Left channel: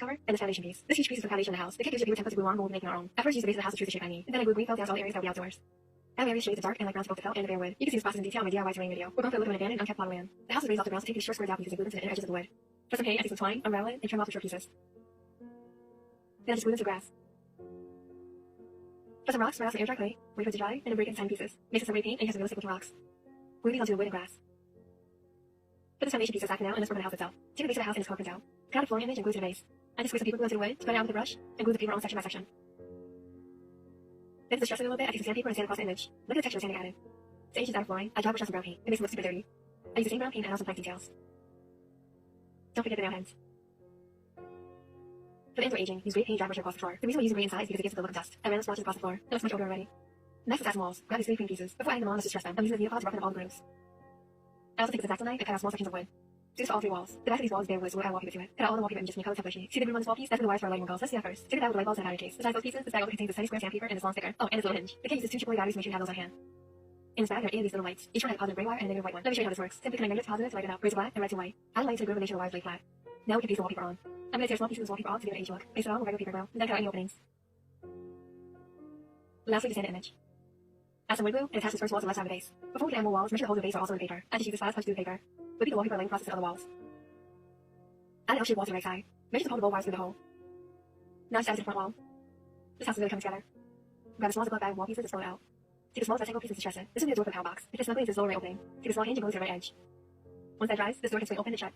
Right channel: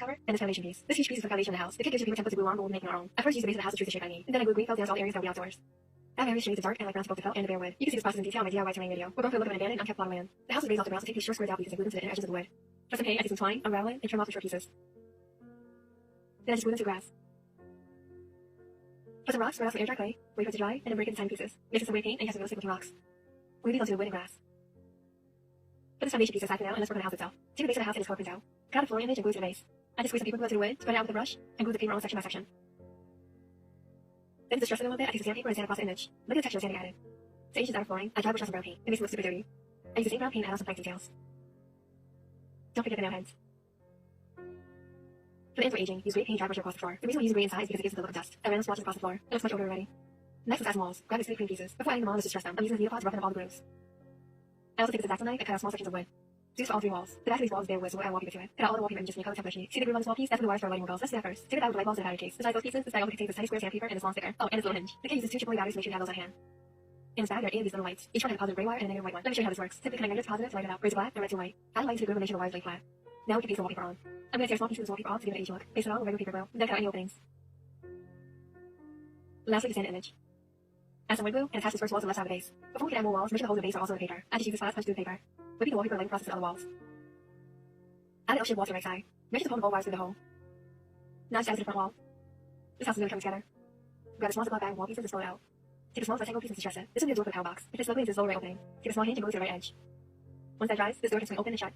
cover, and this foundation piece. This huge piece is the foundation of the house. The kit gives you bigger templates to glue on when we're making our own. At first, use the base of the house to choose the shape I need, and then I glue green felt down to all the areas that will be outdoors. I have various shades of dark and light browns to felt and the bare wood. You can see this process in detail in my DIY terrain video. We're both going to look at an abandoned, unkept plot of land. The house is raised off the ground, so take these short squared out pieces and glue them to the inner edges of the wood. Just okay, I take some twine, unravel it, and trim off the short pieces. Then I just glue them to grass. Put some rocks, spread out some air dry clay, wait for it to dry, and then break it into tiny pieces. Mix in some red paint and cast some real stick with the rocks. Glue these onto the wood and grass. Put this foundation piece aside for now and let's work on the house itself. Take the base of the house and its core prints out. Cut out a flooring image and glue to the base. I just squeeze some paper glue to the wood, spread it out with a brush, and glue the paper on section by section. Then to stress it a little bit, I take some sandpaper and sand across the image. Look at the texture of sand I added. To each design flooring, I dry brush on some brown paint. It makes it look super dirty. I use the same brown paint and also black details. Don't forget the nail heads. For the ends we're aging, use gray paint dry brush across the floor. The reason we use gray inside is because it gives it the look of dust. I ran swatches across the floor. It looks much older already. Next is add some walls. Grab these 3 clean pieces. Before adding them on, let's distress them. I'm using the needle pods to roughen up all the grooves. I also take this X-Acto knife and cut out small sections of wood. Do this for all 3 walls. The back of these walls is bare wood, so we'll add wallpaper to it. Cut out all the wallpaper images from the color template sheet. See the groove on this wall piece? That's from the wires for our lighting walls. Let's do that first. Stick it out with the light bulbs and battery case. Besides those pieces, this bag also contains this tiny square sandpaper and this long sticker. Oh, and this little hinge. The kit uses 2 triple batteries to make sure you have those on hand. In this bag, there are 8 of these little lights. Each one has a positive gray wire and a negative white one. Let me show you how this works. Simply connect negative to positive to light it up. Raise it black and right to white. Add light to the groove and make sure the wires lay flat. Now we can paste the wallpaper on. I'm going to tear small pieces of this wallpaper off to give it an age look. Base it on with regular paper glue. Then cut out any openings. Lastly, the sanded image. Add some wood glue and attach this first wall to the left side of the base. Before we can add more walls, make sure the holes of the base are also in the paper. I just use this last touch to the paper. Repeat the wallpaper laying process to other walls. Add an L-shaped wall to the right side. Make sure to pull the bowl wires through the hole. Now just add to the front wall. This house is really coming together. Grab a small ziploc bag of wall pieces and roll it out. Take a small rectangle piece and distress it. This will be the door for the power box. It fits snugly into this lower right opening. Take a small hinge and go to the right edge. Once that dries, this door can swing open and shut.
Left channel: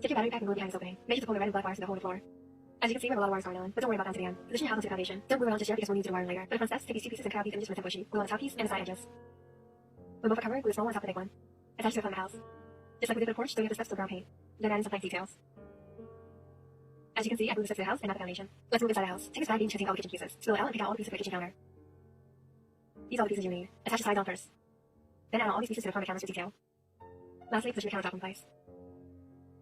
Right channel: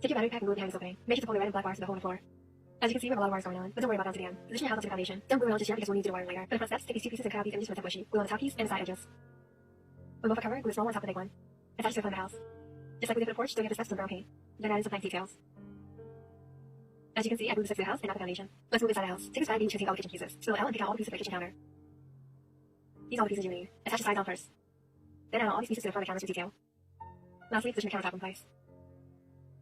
Take your battery pack and glue it behind this opening. Make sure to pull the red and black wires to the hole on the floor. As you can see, we have a lot of wires going on, but don't worry about down to the end. Position your house onto the foundation. Don't glue it on just yet because we'll need to do wiring later. For the front steps, take these 2 pieces and cut out these images from the template sheet. Glue on the top piece and the side edges. When both are covered, glue the small one on top of the big one. Attach to the front of the house. Just like we did for the porch, don't get the steps to the brown paint. Then add in some black details. As you can see, I glued the steps to the house and not the foundation. Let's move inside the house. Take a side and choosing all the kitchen pieces. Spill the L and pick out all the pieces for the kitchen counter. These are all the pieces you need. Attach the sides on first. Then add all these pieces to the front of the counters for detail. Lastly, position the countertop in place.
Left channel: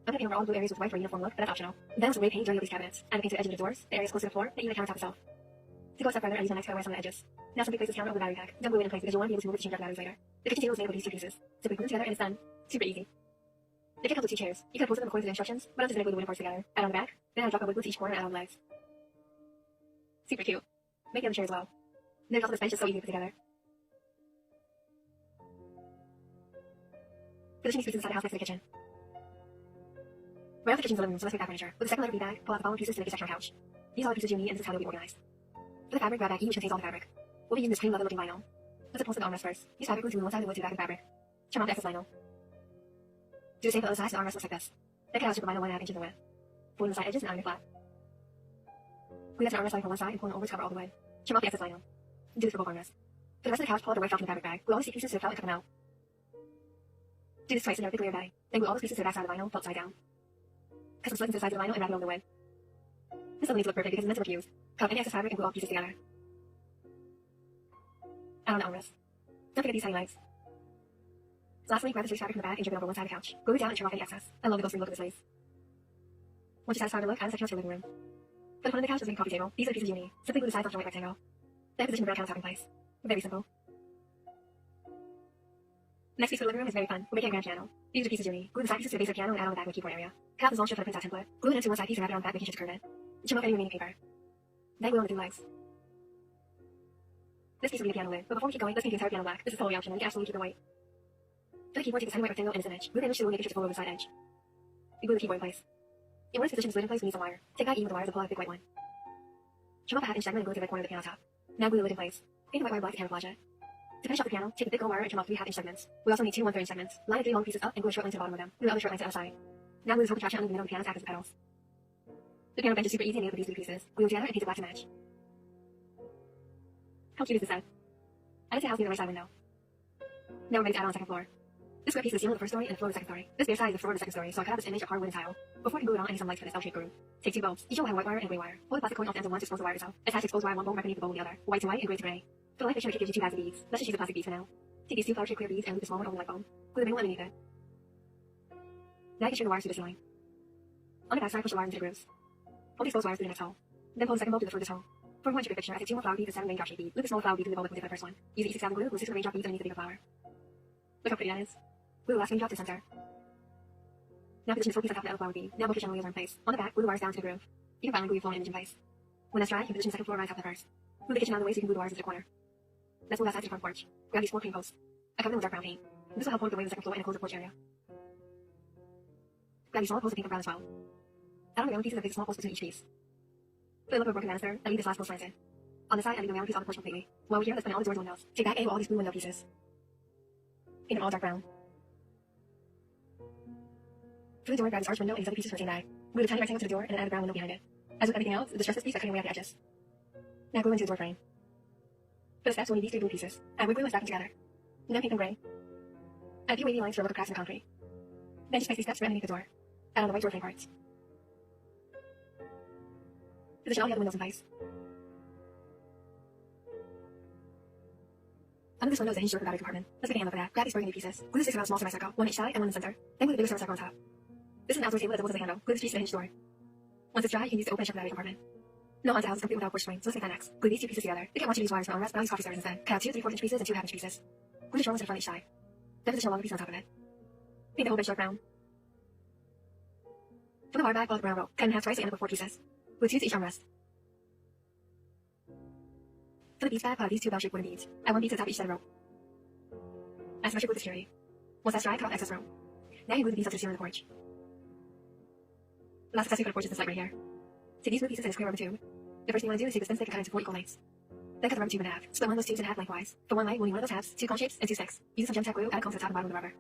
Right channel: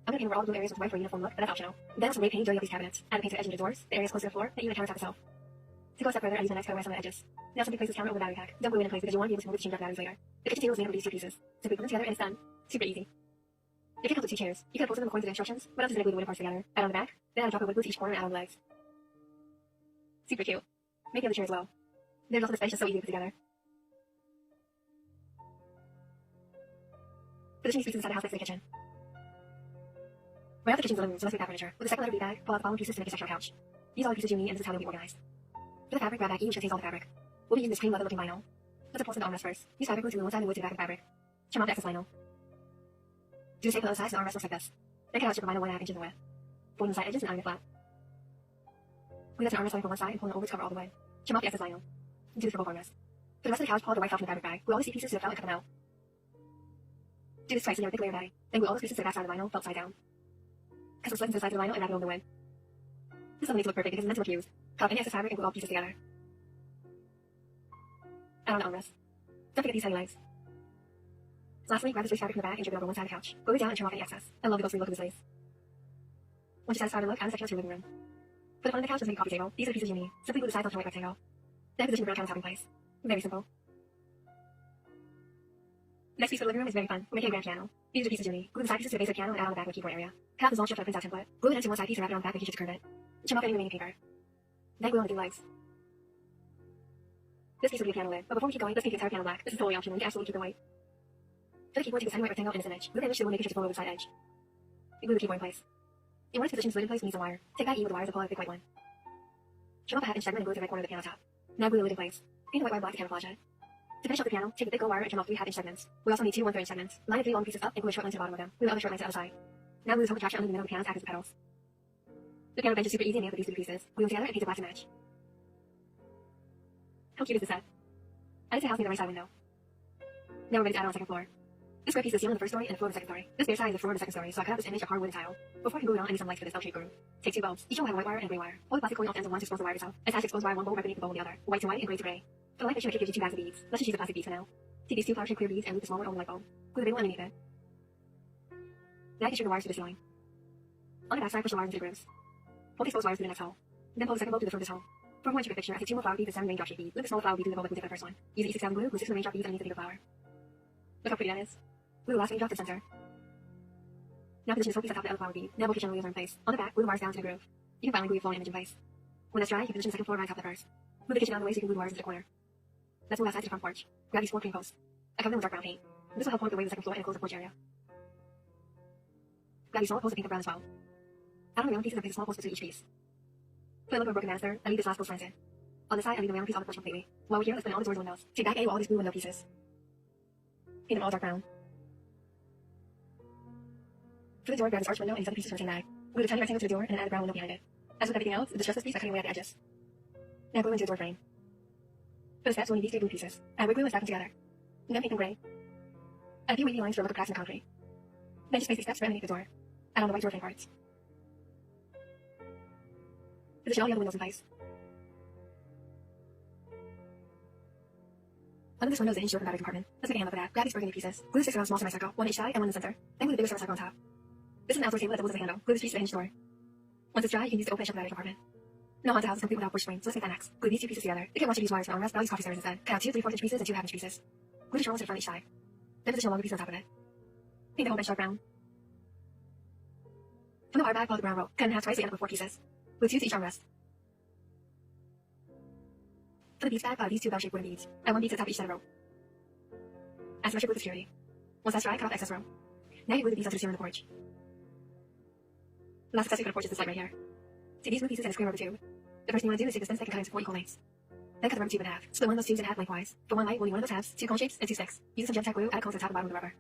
I'm going to paint over all the blue areas with white for a uniform look, but that's optional. Then some red paint dirty up these cabinets. Add the paint to the edge of the doors, the areas close to the floor, and even the countertop itself. To go a step further, I use my next color on the edges. Now simply place this counter over the battery pack. Don't glue it in place because you'll want to be able to move the change out the batteries later. The kitchen table is made up of these 2 pieces. Simply put them together and it's done. Super easy. The kit comes with 2 chairs. You can post them according to the instructions, but I'm just going to glue the wooden parts together. Add on the back, then add a drop of wood glue to each corner and add on the legs. Super cute. Make the other chair as well. There's also this bench, it's so easy to put together. Position these pieces inside the house next to the kitchen. Right off the kitchen's living room, so let's make that furniture. With a second letter B bag, pull out the following pieces to make a section couch. These are all the pieces you need, and this is how they'll be organized. For the fabric, grab that each contains all the fabric. We'll be using this cream leather looking vinyl. Let's apply some armrest first. Use fabric glue to glue one side of the wood to the back of the fabric. Trim out the excess vinyl. Do the same for the other side so the armrest looks like this. Then cut out a strip of vinyl 1.5 inches in width. Fold in the side edges and iron it flat. Glue that to the armrest side for one side and pull it over to cover all the wood. Trim off the excess vinyl. Do this for both armrests. For the rest of the couch, pull out the white felt from the fabric bag. Glue all these pieces to the felt and cut them out. Do this twice and never thick layer dye. Then glue all those pieces to the back side of the vinyl, felt side down. Cut some slits into the sides of the vinyl and wrap it over the wood. This doesn't need to look perfect because it's meant to look used. Cut any excess fabric and glue all pieces together. Add on the armrest. Don't forget these tiny legs. Lastly, grab the stretch fabric from the back and drip it over one side of the couch. Glue it down and trim off any excess. I love the ghostly look of this place. Once you're satisfied with the look, add a section to your living room. For the front of the couch is a coffee table. These are the pieces you need. Simply glue the sides onto the right rectangle. Then position the round countertop in place. Very simple. The next piece for the living room is very fun. We're making a grand piano. These are the pieces you need. Glue the side pieces to the base of the piano and add on the back of the keyboard area. Cut out the long strip for the printout template. Glue it into one side piece and wrap it on the back making sure to curve it. Trim off any remaining paper. Then glue on the 2 legs. This piece will be the piano lid, but before we keep going, let's paint the entire piano black. This is totally optional, you can absolutely keep the white. For the keyboard, take the tiny white rectangle and its image. Glue the image to the one making sure to follow over the side edge. You glue the keyboard in place. In order to position this lid in place, we need some wire. Take that E with the wires and pull out a big white one. Trim off a half-inch segment and glue it to the right corner of the piano top. Now glue the lid in place. Paint the white wire black to camouflage it. To finish off the piano, take the thick gold wire and trim off 3 half-inch segments. We also need 2 1/3 inch segments. Line the 3 long pieces up and glue a short line to the bottom of them. Glue the other short line to the other side. Now glue this whole contraption under the middle of the piano to act as the pedals. The piano bench is super easy and made up of these 3 pieces. Glue them together and paint it black to match. How cute is this set? Add it to the house near the right side window. Now we're ready to add on the second floor. This square piece is the ceiling of the first story and the floor of the second story. This bare side is the floor of the second story, so I cut out this image of hardwood and tile. Before I can glue it on, I need some lights for this L-shaped groove. Take 2 bulbs. Each one will have a white wire and a gray wire. Hold the plastic coin off the ends of one to expose the wire itself. Attach the exposed wire one bulb right beneath the bulb of the other. White to white and gray to gray. For the light fixture, my kit gives you 2 bags of beads. Let's just use the plastic beads for now. Take these 2 flower-shaped clear beads and loop the small one over the light bulb. Glue the big one underneath it. Then I can string the wires through the ceiling. On the back side, push the wires into the grooves. Hold the exposed wires through the next hole. Then pull the second bulb to the throat of this hole. For a more intricate picture, I take 2 more flower beads and 7 raindrop shaped beads. Loop the smaller flower bead through the bulb like we did for the first one. Use the E6 glue, glue 6 raindrop beads underneath the bigger flower. Look how pretty that is. Glue the last raindrop to the center. Now position this whole piece on top of the other flower bead. Now more kitchen wheels are in place. On the back, glue the wires down to the groove. You can finally glue your full image in place. When that's dry, you can position the second floor right top of the first. Move the kitchen out of the way so you can glue the wires into the corner. Let's move outside to the front porch. Grab these 4 cream posts. I cover them with dark brown paint. This will help point the way to the second floor and enclose the porch area. Grab these small posts of pink or brown as well. Add on the round pieces and place a small post between each piece. Put a little bit of broken banister and leave this last post slanted. On this side, I leave the round piece on the porch completely. While we're here, let's put in all the doors and windows. Take back any or all these blue window pieces. Paint them all dark brown. For the door, grab this arch window and inside the pieces for a tag. Glue the tiny rectangle to the door and add a brown window behind it. As with everything else, distress this piece by cutting away at the edges. Now glue into the door frame. For the steps, we'll need these 3 blue pieces. Add wood glue and stack them together. Then paint them gray. Add a few wavy lines for a look of cracks in the concrete. Then just place these steps right underneath the door. Add on the white door frame parts. Position all the other windows in place. Under this window is the hinged door for the battery compartment. Let's make a handle for that. Grab these burgundy pieces. Glue the 6 around a small semicircle, 1 each side and 1 in the center. Then glue the bigger semicircle on top. This is an outdoor table that doubles as a handle. Glue this piece to the hinged door. Once it's dry, you can use it to open and shut the battery compartment. No haunted house is complete without push string, so let's make that next. Glue these 2 pieces together. If you want to use wires for armrests, but I'll use coffee stirrers instead. Cut out 2 3/4 inch pieces and 2 1/2 inch pieces. Glue the shoulders in front each side. Then position a longer piece on top of it. Paint the whole bit dark brown. From the wire bag, follow the brown rope. Cut in half twice to end up with 4 pieces. Glue 2 to each armrest. For the beads bag, follow these 2 bound-shaped wooden beads. Add 1 bead to the top of each side of the rope. Add symmetric glue to security. Once that's dry, cut off excess rope. Now you glue the beads onto the ceiling of the porch. The last accessory for the porch is this light right here. Take these blue pieces and a square rubber tube. The first thing you want to do is take the thin stick and cut it into 4 equal lengths. Then cut the rubber tube in half. Split one of those tubes in half lengthwise. For one light, we'll need one of those halves, 2 cone shapes, and 2 sticks. Use some gem tack glue, add a cone to the top and bottom of the rubber.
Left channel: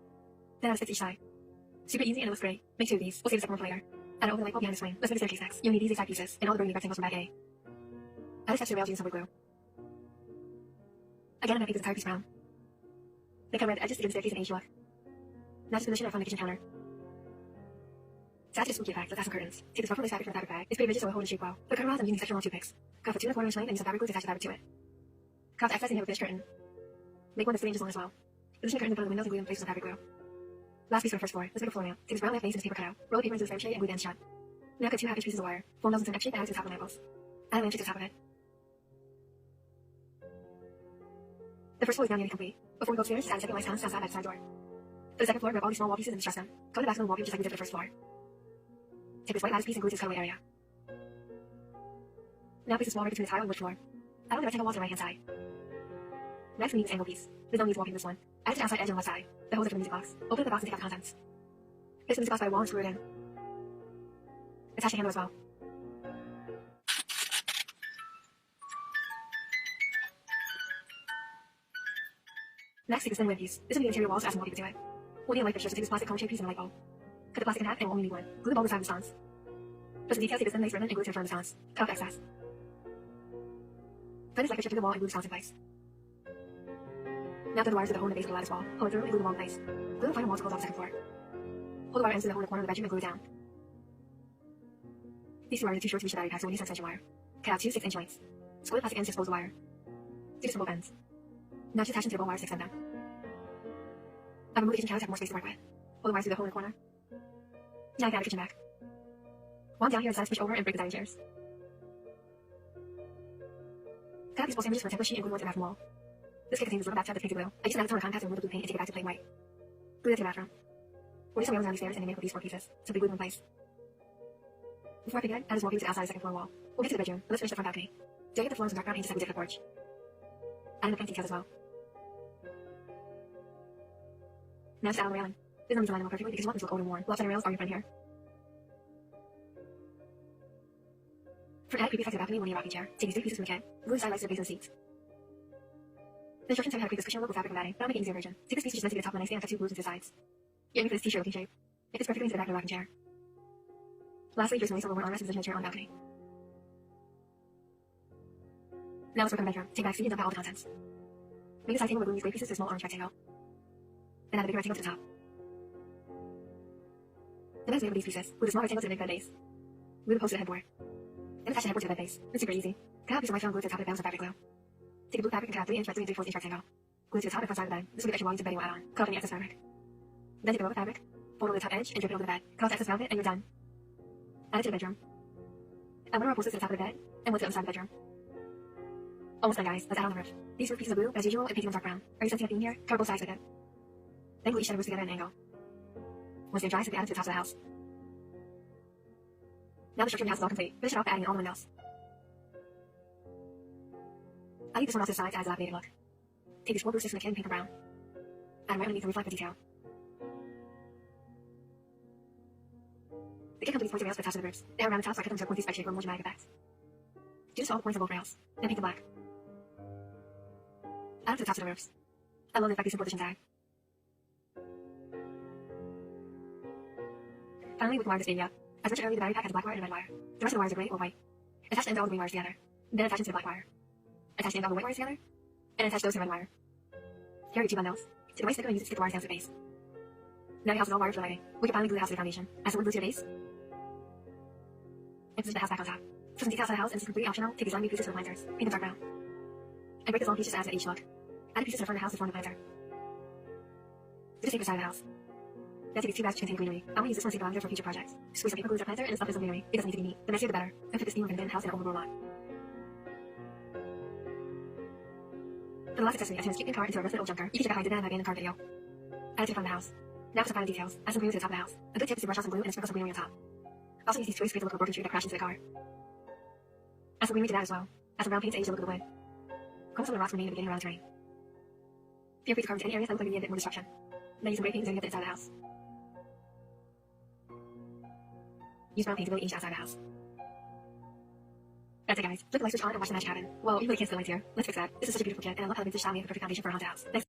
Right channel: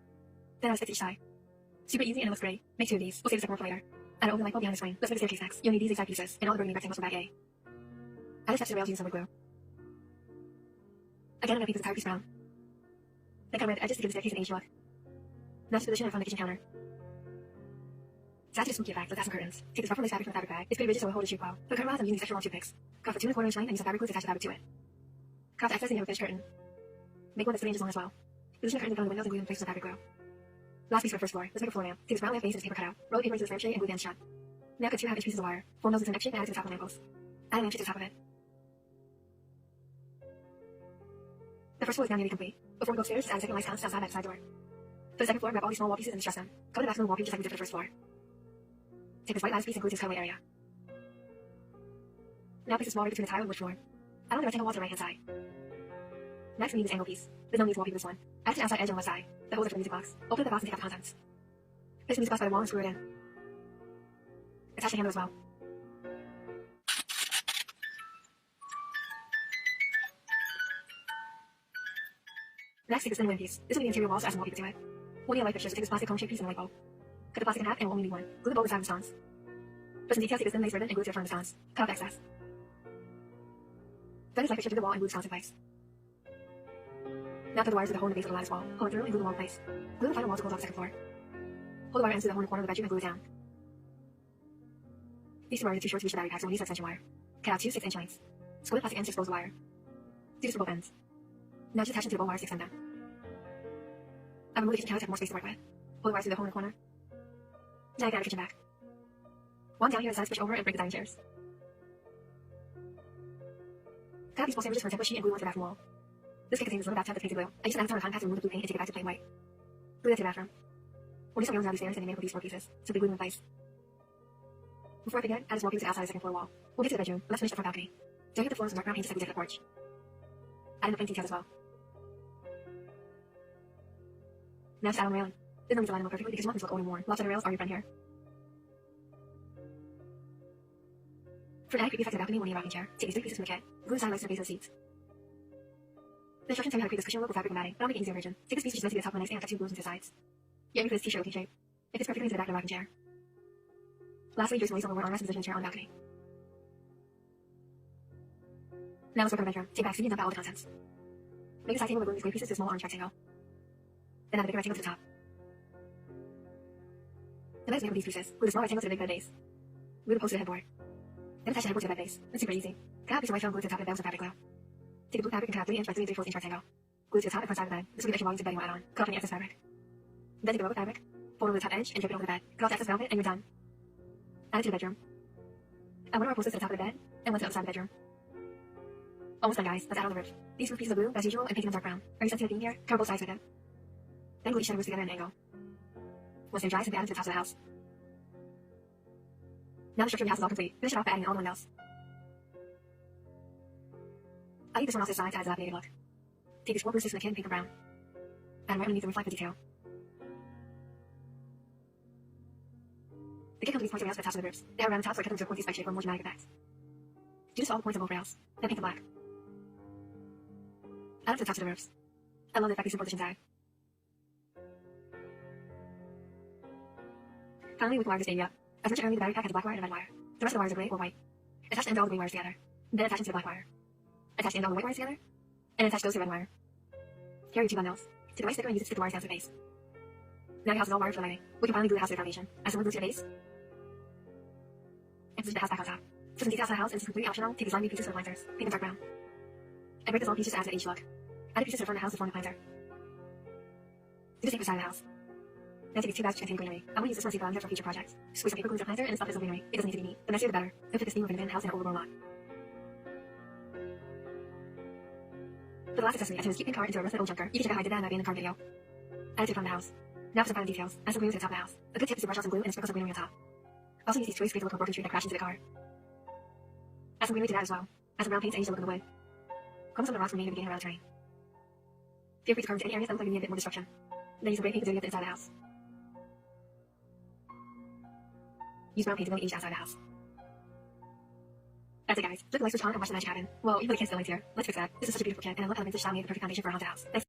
Then add a stick to each side. Super easy and it looks great. Make 2 of these. We'll save the second one for later. Add an open light bulb behind this frame. Let's make the staircase next. You'll need these exact pieces, and all the burgundy rectangles from bag A. Add the steps to the rails using some wood glue. Again, I'm going to paint the entire piece brown. Then come around the edges to give the staircase an aged look. Now just position it in front of the kitchen counter. To add to the spooky effect, let's add some curtains. Take this rough lace fabric from the fabric bag. It's pretty rigid, so we'll hold the shape well. For the curtain rods, I'm using section long toothpicks. Cut off a 2 1/4 inch length and use some fabric glue to attach the fabric to it. Cut off the excess and have a finished curtain. Make one that's 3 inches long as well. Position the curtain in front of the windows and glue them in place with some fabric glue. Last piece for the first floor. Let's make a floor lamp. Take this brown lamp base and this paper cutout. Roll the paper into the frame tray and glue the ends shut. Now cut 2 1/2 inch pieces of wire. Fold those into an X shape and add it to the top of the lamp post. Add a lamp shade to the top of it. The first floor is now nearly complete. Before we go upstairs, just add a second light sconce outside by the side door. For the second floor, grab all these small wall pieces and distress them. Cover the maximum wall just like we did for the first floor. Take this white lattice piece and glue to the skylight area. Now place a small ring between the tile and wood floor. Add on the rectangle walls on the right hand side. Next, we need this angle piece. There's no need to wallpaper this one. Add it to the outside edge on the left side. That holds it for the music box. Open the box and take out the contents. Place the music box by the wall and screw it in. Attach the handle as well. Next, take this thin wood piece. This will be the interior walls to add some wallpaper to it. We'll need a light fixture, so take this plastic cone shaped piece and a light bulb. Cut the plastic in half and we'll only need one. Glue the bulb inside the sconce. For some details, take this thin lace ribbon and glue it to the front of the sconce. Cut off excess. Then this light fixture to the wall and glue the sconce in place. Now throw the wires to the hole in the base of the lattice wall. Pull it through and glue the wall in place. Glue the final wall to close off the second floor. Hold the wire ends to the hole in the corner of the bedroom and glue it down. These 2 wires are too short to reach the battery pack, so we'll use some extension wire. Cut out 2 6 inch lengths. Split the plastic ends to expose the wire. Do this for both ends. Now just attach them to the bone wires to extend them. I've removed the kitchen couch to have more space to work with. Pull the wires through the hole in the corner. Now you can add the kitchen back. One down here is switch over and break the dining chairs. Cut out these small sandwiches for a template sheet and glue them to the bathroom wall. This kit contains a little bathtub that's painted blue. I used to add a ton of contact to remove the blue paint and take it back to plain white. Glue that to the bathroom. We'll do some rails around these stairs and enable these 4 pieces, so they glue them in place. Before I forget, add a small piece to the outside of the second floor wall. We'll get to the bedroom, but let's finish the front balcony. Don't get the floor with some dark brown paint to set the porch. Add in the planting details as well. Now just add on the railing. There's no need to line them up perfectly because you want them to look old and worn. Lopsided rails are your friend here. For an added creepy effect to the balcony, we'll need a rocking chair. Take these 3 pieces from the kit. Glue the side legs to the base of the seats. The instructions tell you how to create this cushion look with fabric and matting, but I'm making it easier version. Take this piece which is meant to be the top of the nightstand and cut 2 glues into the sides. You're aiming for this t-shirt looking shape. It fits perfectly into the back of the rocking chair. Lastly, here's some lace on the lower armrest and position the chair on the balcony. Now let's work on the bedroom. Take back seat and dump out all the contents. Make a side table with gluing these 3 pieces to a small orange rectangle. Then add a bigger rectangle to the top. The bed is made with these pieces. Glue the small rectangle to the big bed base. Glue the post to the headboard. Then attach the headboard to the bed base. It's super easy. Cut out a piece of light foam glue to the top of the bed with some fabric glue. Take a blue fabric and cut out 3 inch by 3 3/4 inch rectangle. Glue it to the top and front side of the bed. This will give extra volume to the bedding we'll add on. Cut off any excess fabric. Then take the rubber fabric, fold over the top edge, and drape it over the bed. Cut off the excess velvet, and you're done. Add it to the bedroom. Add one of our posts to the top of the bed, and one to the other side of the bedroom. Almost done, guys. Let's add on the roof. These roof pieces of glue, as usual, and paint them dark brown. Are you sensitive beam here? Cut both sides with it. Then glue each side of the roof together at an angle. Once they're dry, simply add them to the tops of the house. Now the structure of your house is all complete. Finish it off by adding in all the windows. I'll leave this one off to the side to add a dilapidated look. Take your score system and paint the brown. Add right underneath the reflective detail. The kit companies points of rails for the tops of the roofs. They have around the tops like a pointy spec shape or more dramatic effects. Do this to all the points of old rails, and paint them black. Add them to the tops of the roofs. I love the effect these simple additions add. Finally, with the wire just being up. As mentioned earlier, the battery pack has black wire and red wire. The rest of the wires are gray or white. Attach the end of all the green wires together. Then attach them to the black wire. Attach the end of all the white wires together. And attach those to the red wire. Here are your two bundles. Take the white sticker and use it to stick the wires down to the base. Now your house is all wired for lighting. We can finally glue the house to the foundation. Add some wood to the base. And position the house back on top. For some details on the house, and this is completely optional, take these lightly pieces for the planters. Paint them dark brown. And break those little pieces to add to each look. Add the pieces to the front of the house to form the planter. Do the same for the side of the house. Now take these two bags to contain greenery. I want to use this one to save lavender for future projects. Squeeze some paper glue to the planter and stuff this greenery. It doesn't need to be neat. The messier the better. And fit this theme of an abandoned house in an overgrown lot. For the last accessory, I turned this cute pink car into a rusted old junker. You can check out how I did that in my abandoned car video. Add it to the front of the house. Now for some final details. Add some glue to the top of the house. A good tip is to brush off some glue and sprinkle some greenery on top. Also use these toys to create a look of a broken tree that crashed into the car. Add some greenery to that as well. Add some brown paints and use the look of the wood. Comb some of the rocks remain in the beginning around the terrain. Feel free to carve into any areas that look like they need a bit more destruction. Then use some gray paint to get the inside of the house. Use brown paint to really age the outside of the house. That's it, guys. Click the like switch on and watch the magic happen. Well, you really can't still wait here. Let's fix that. This is such a beautiful kit, and I love how the vintage style made the perfect foundation for a haunted house. Thanks.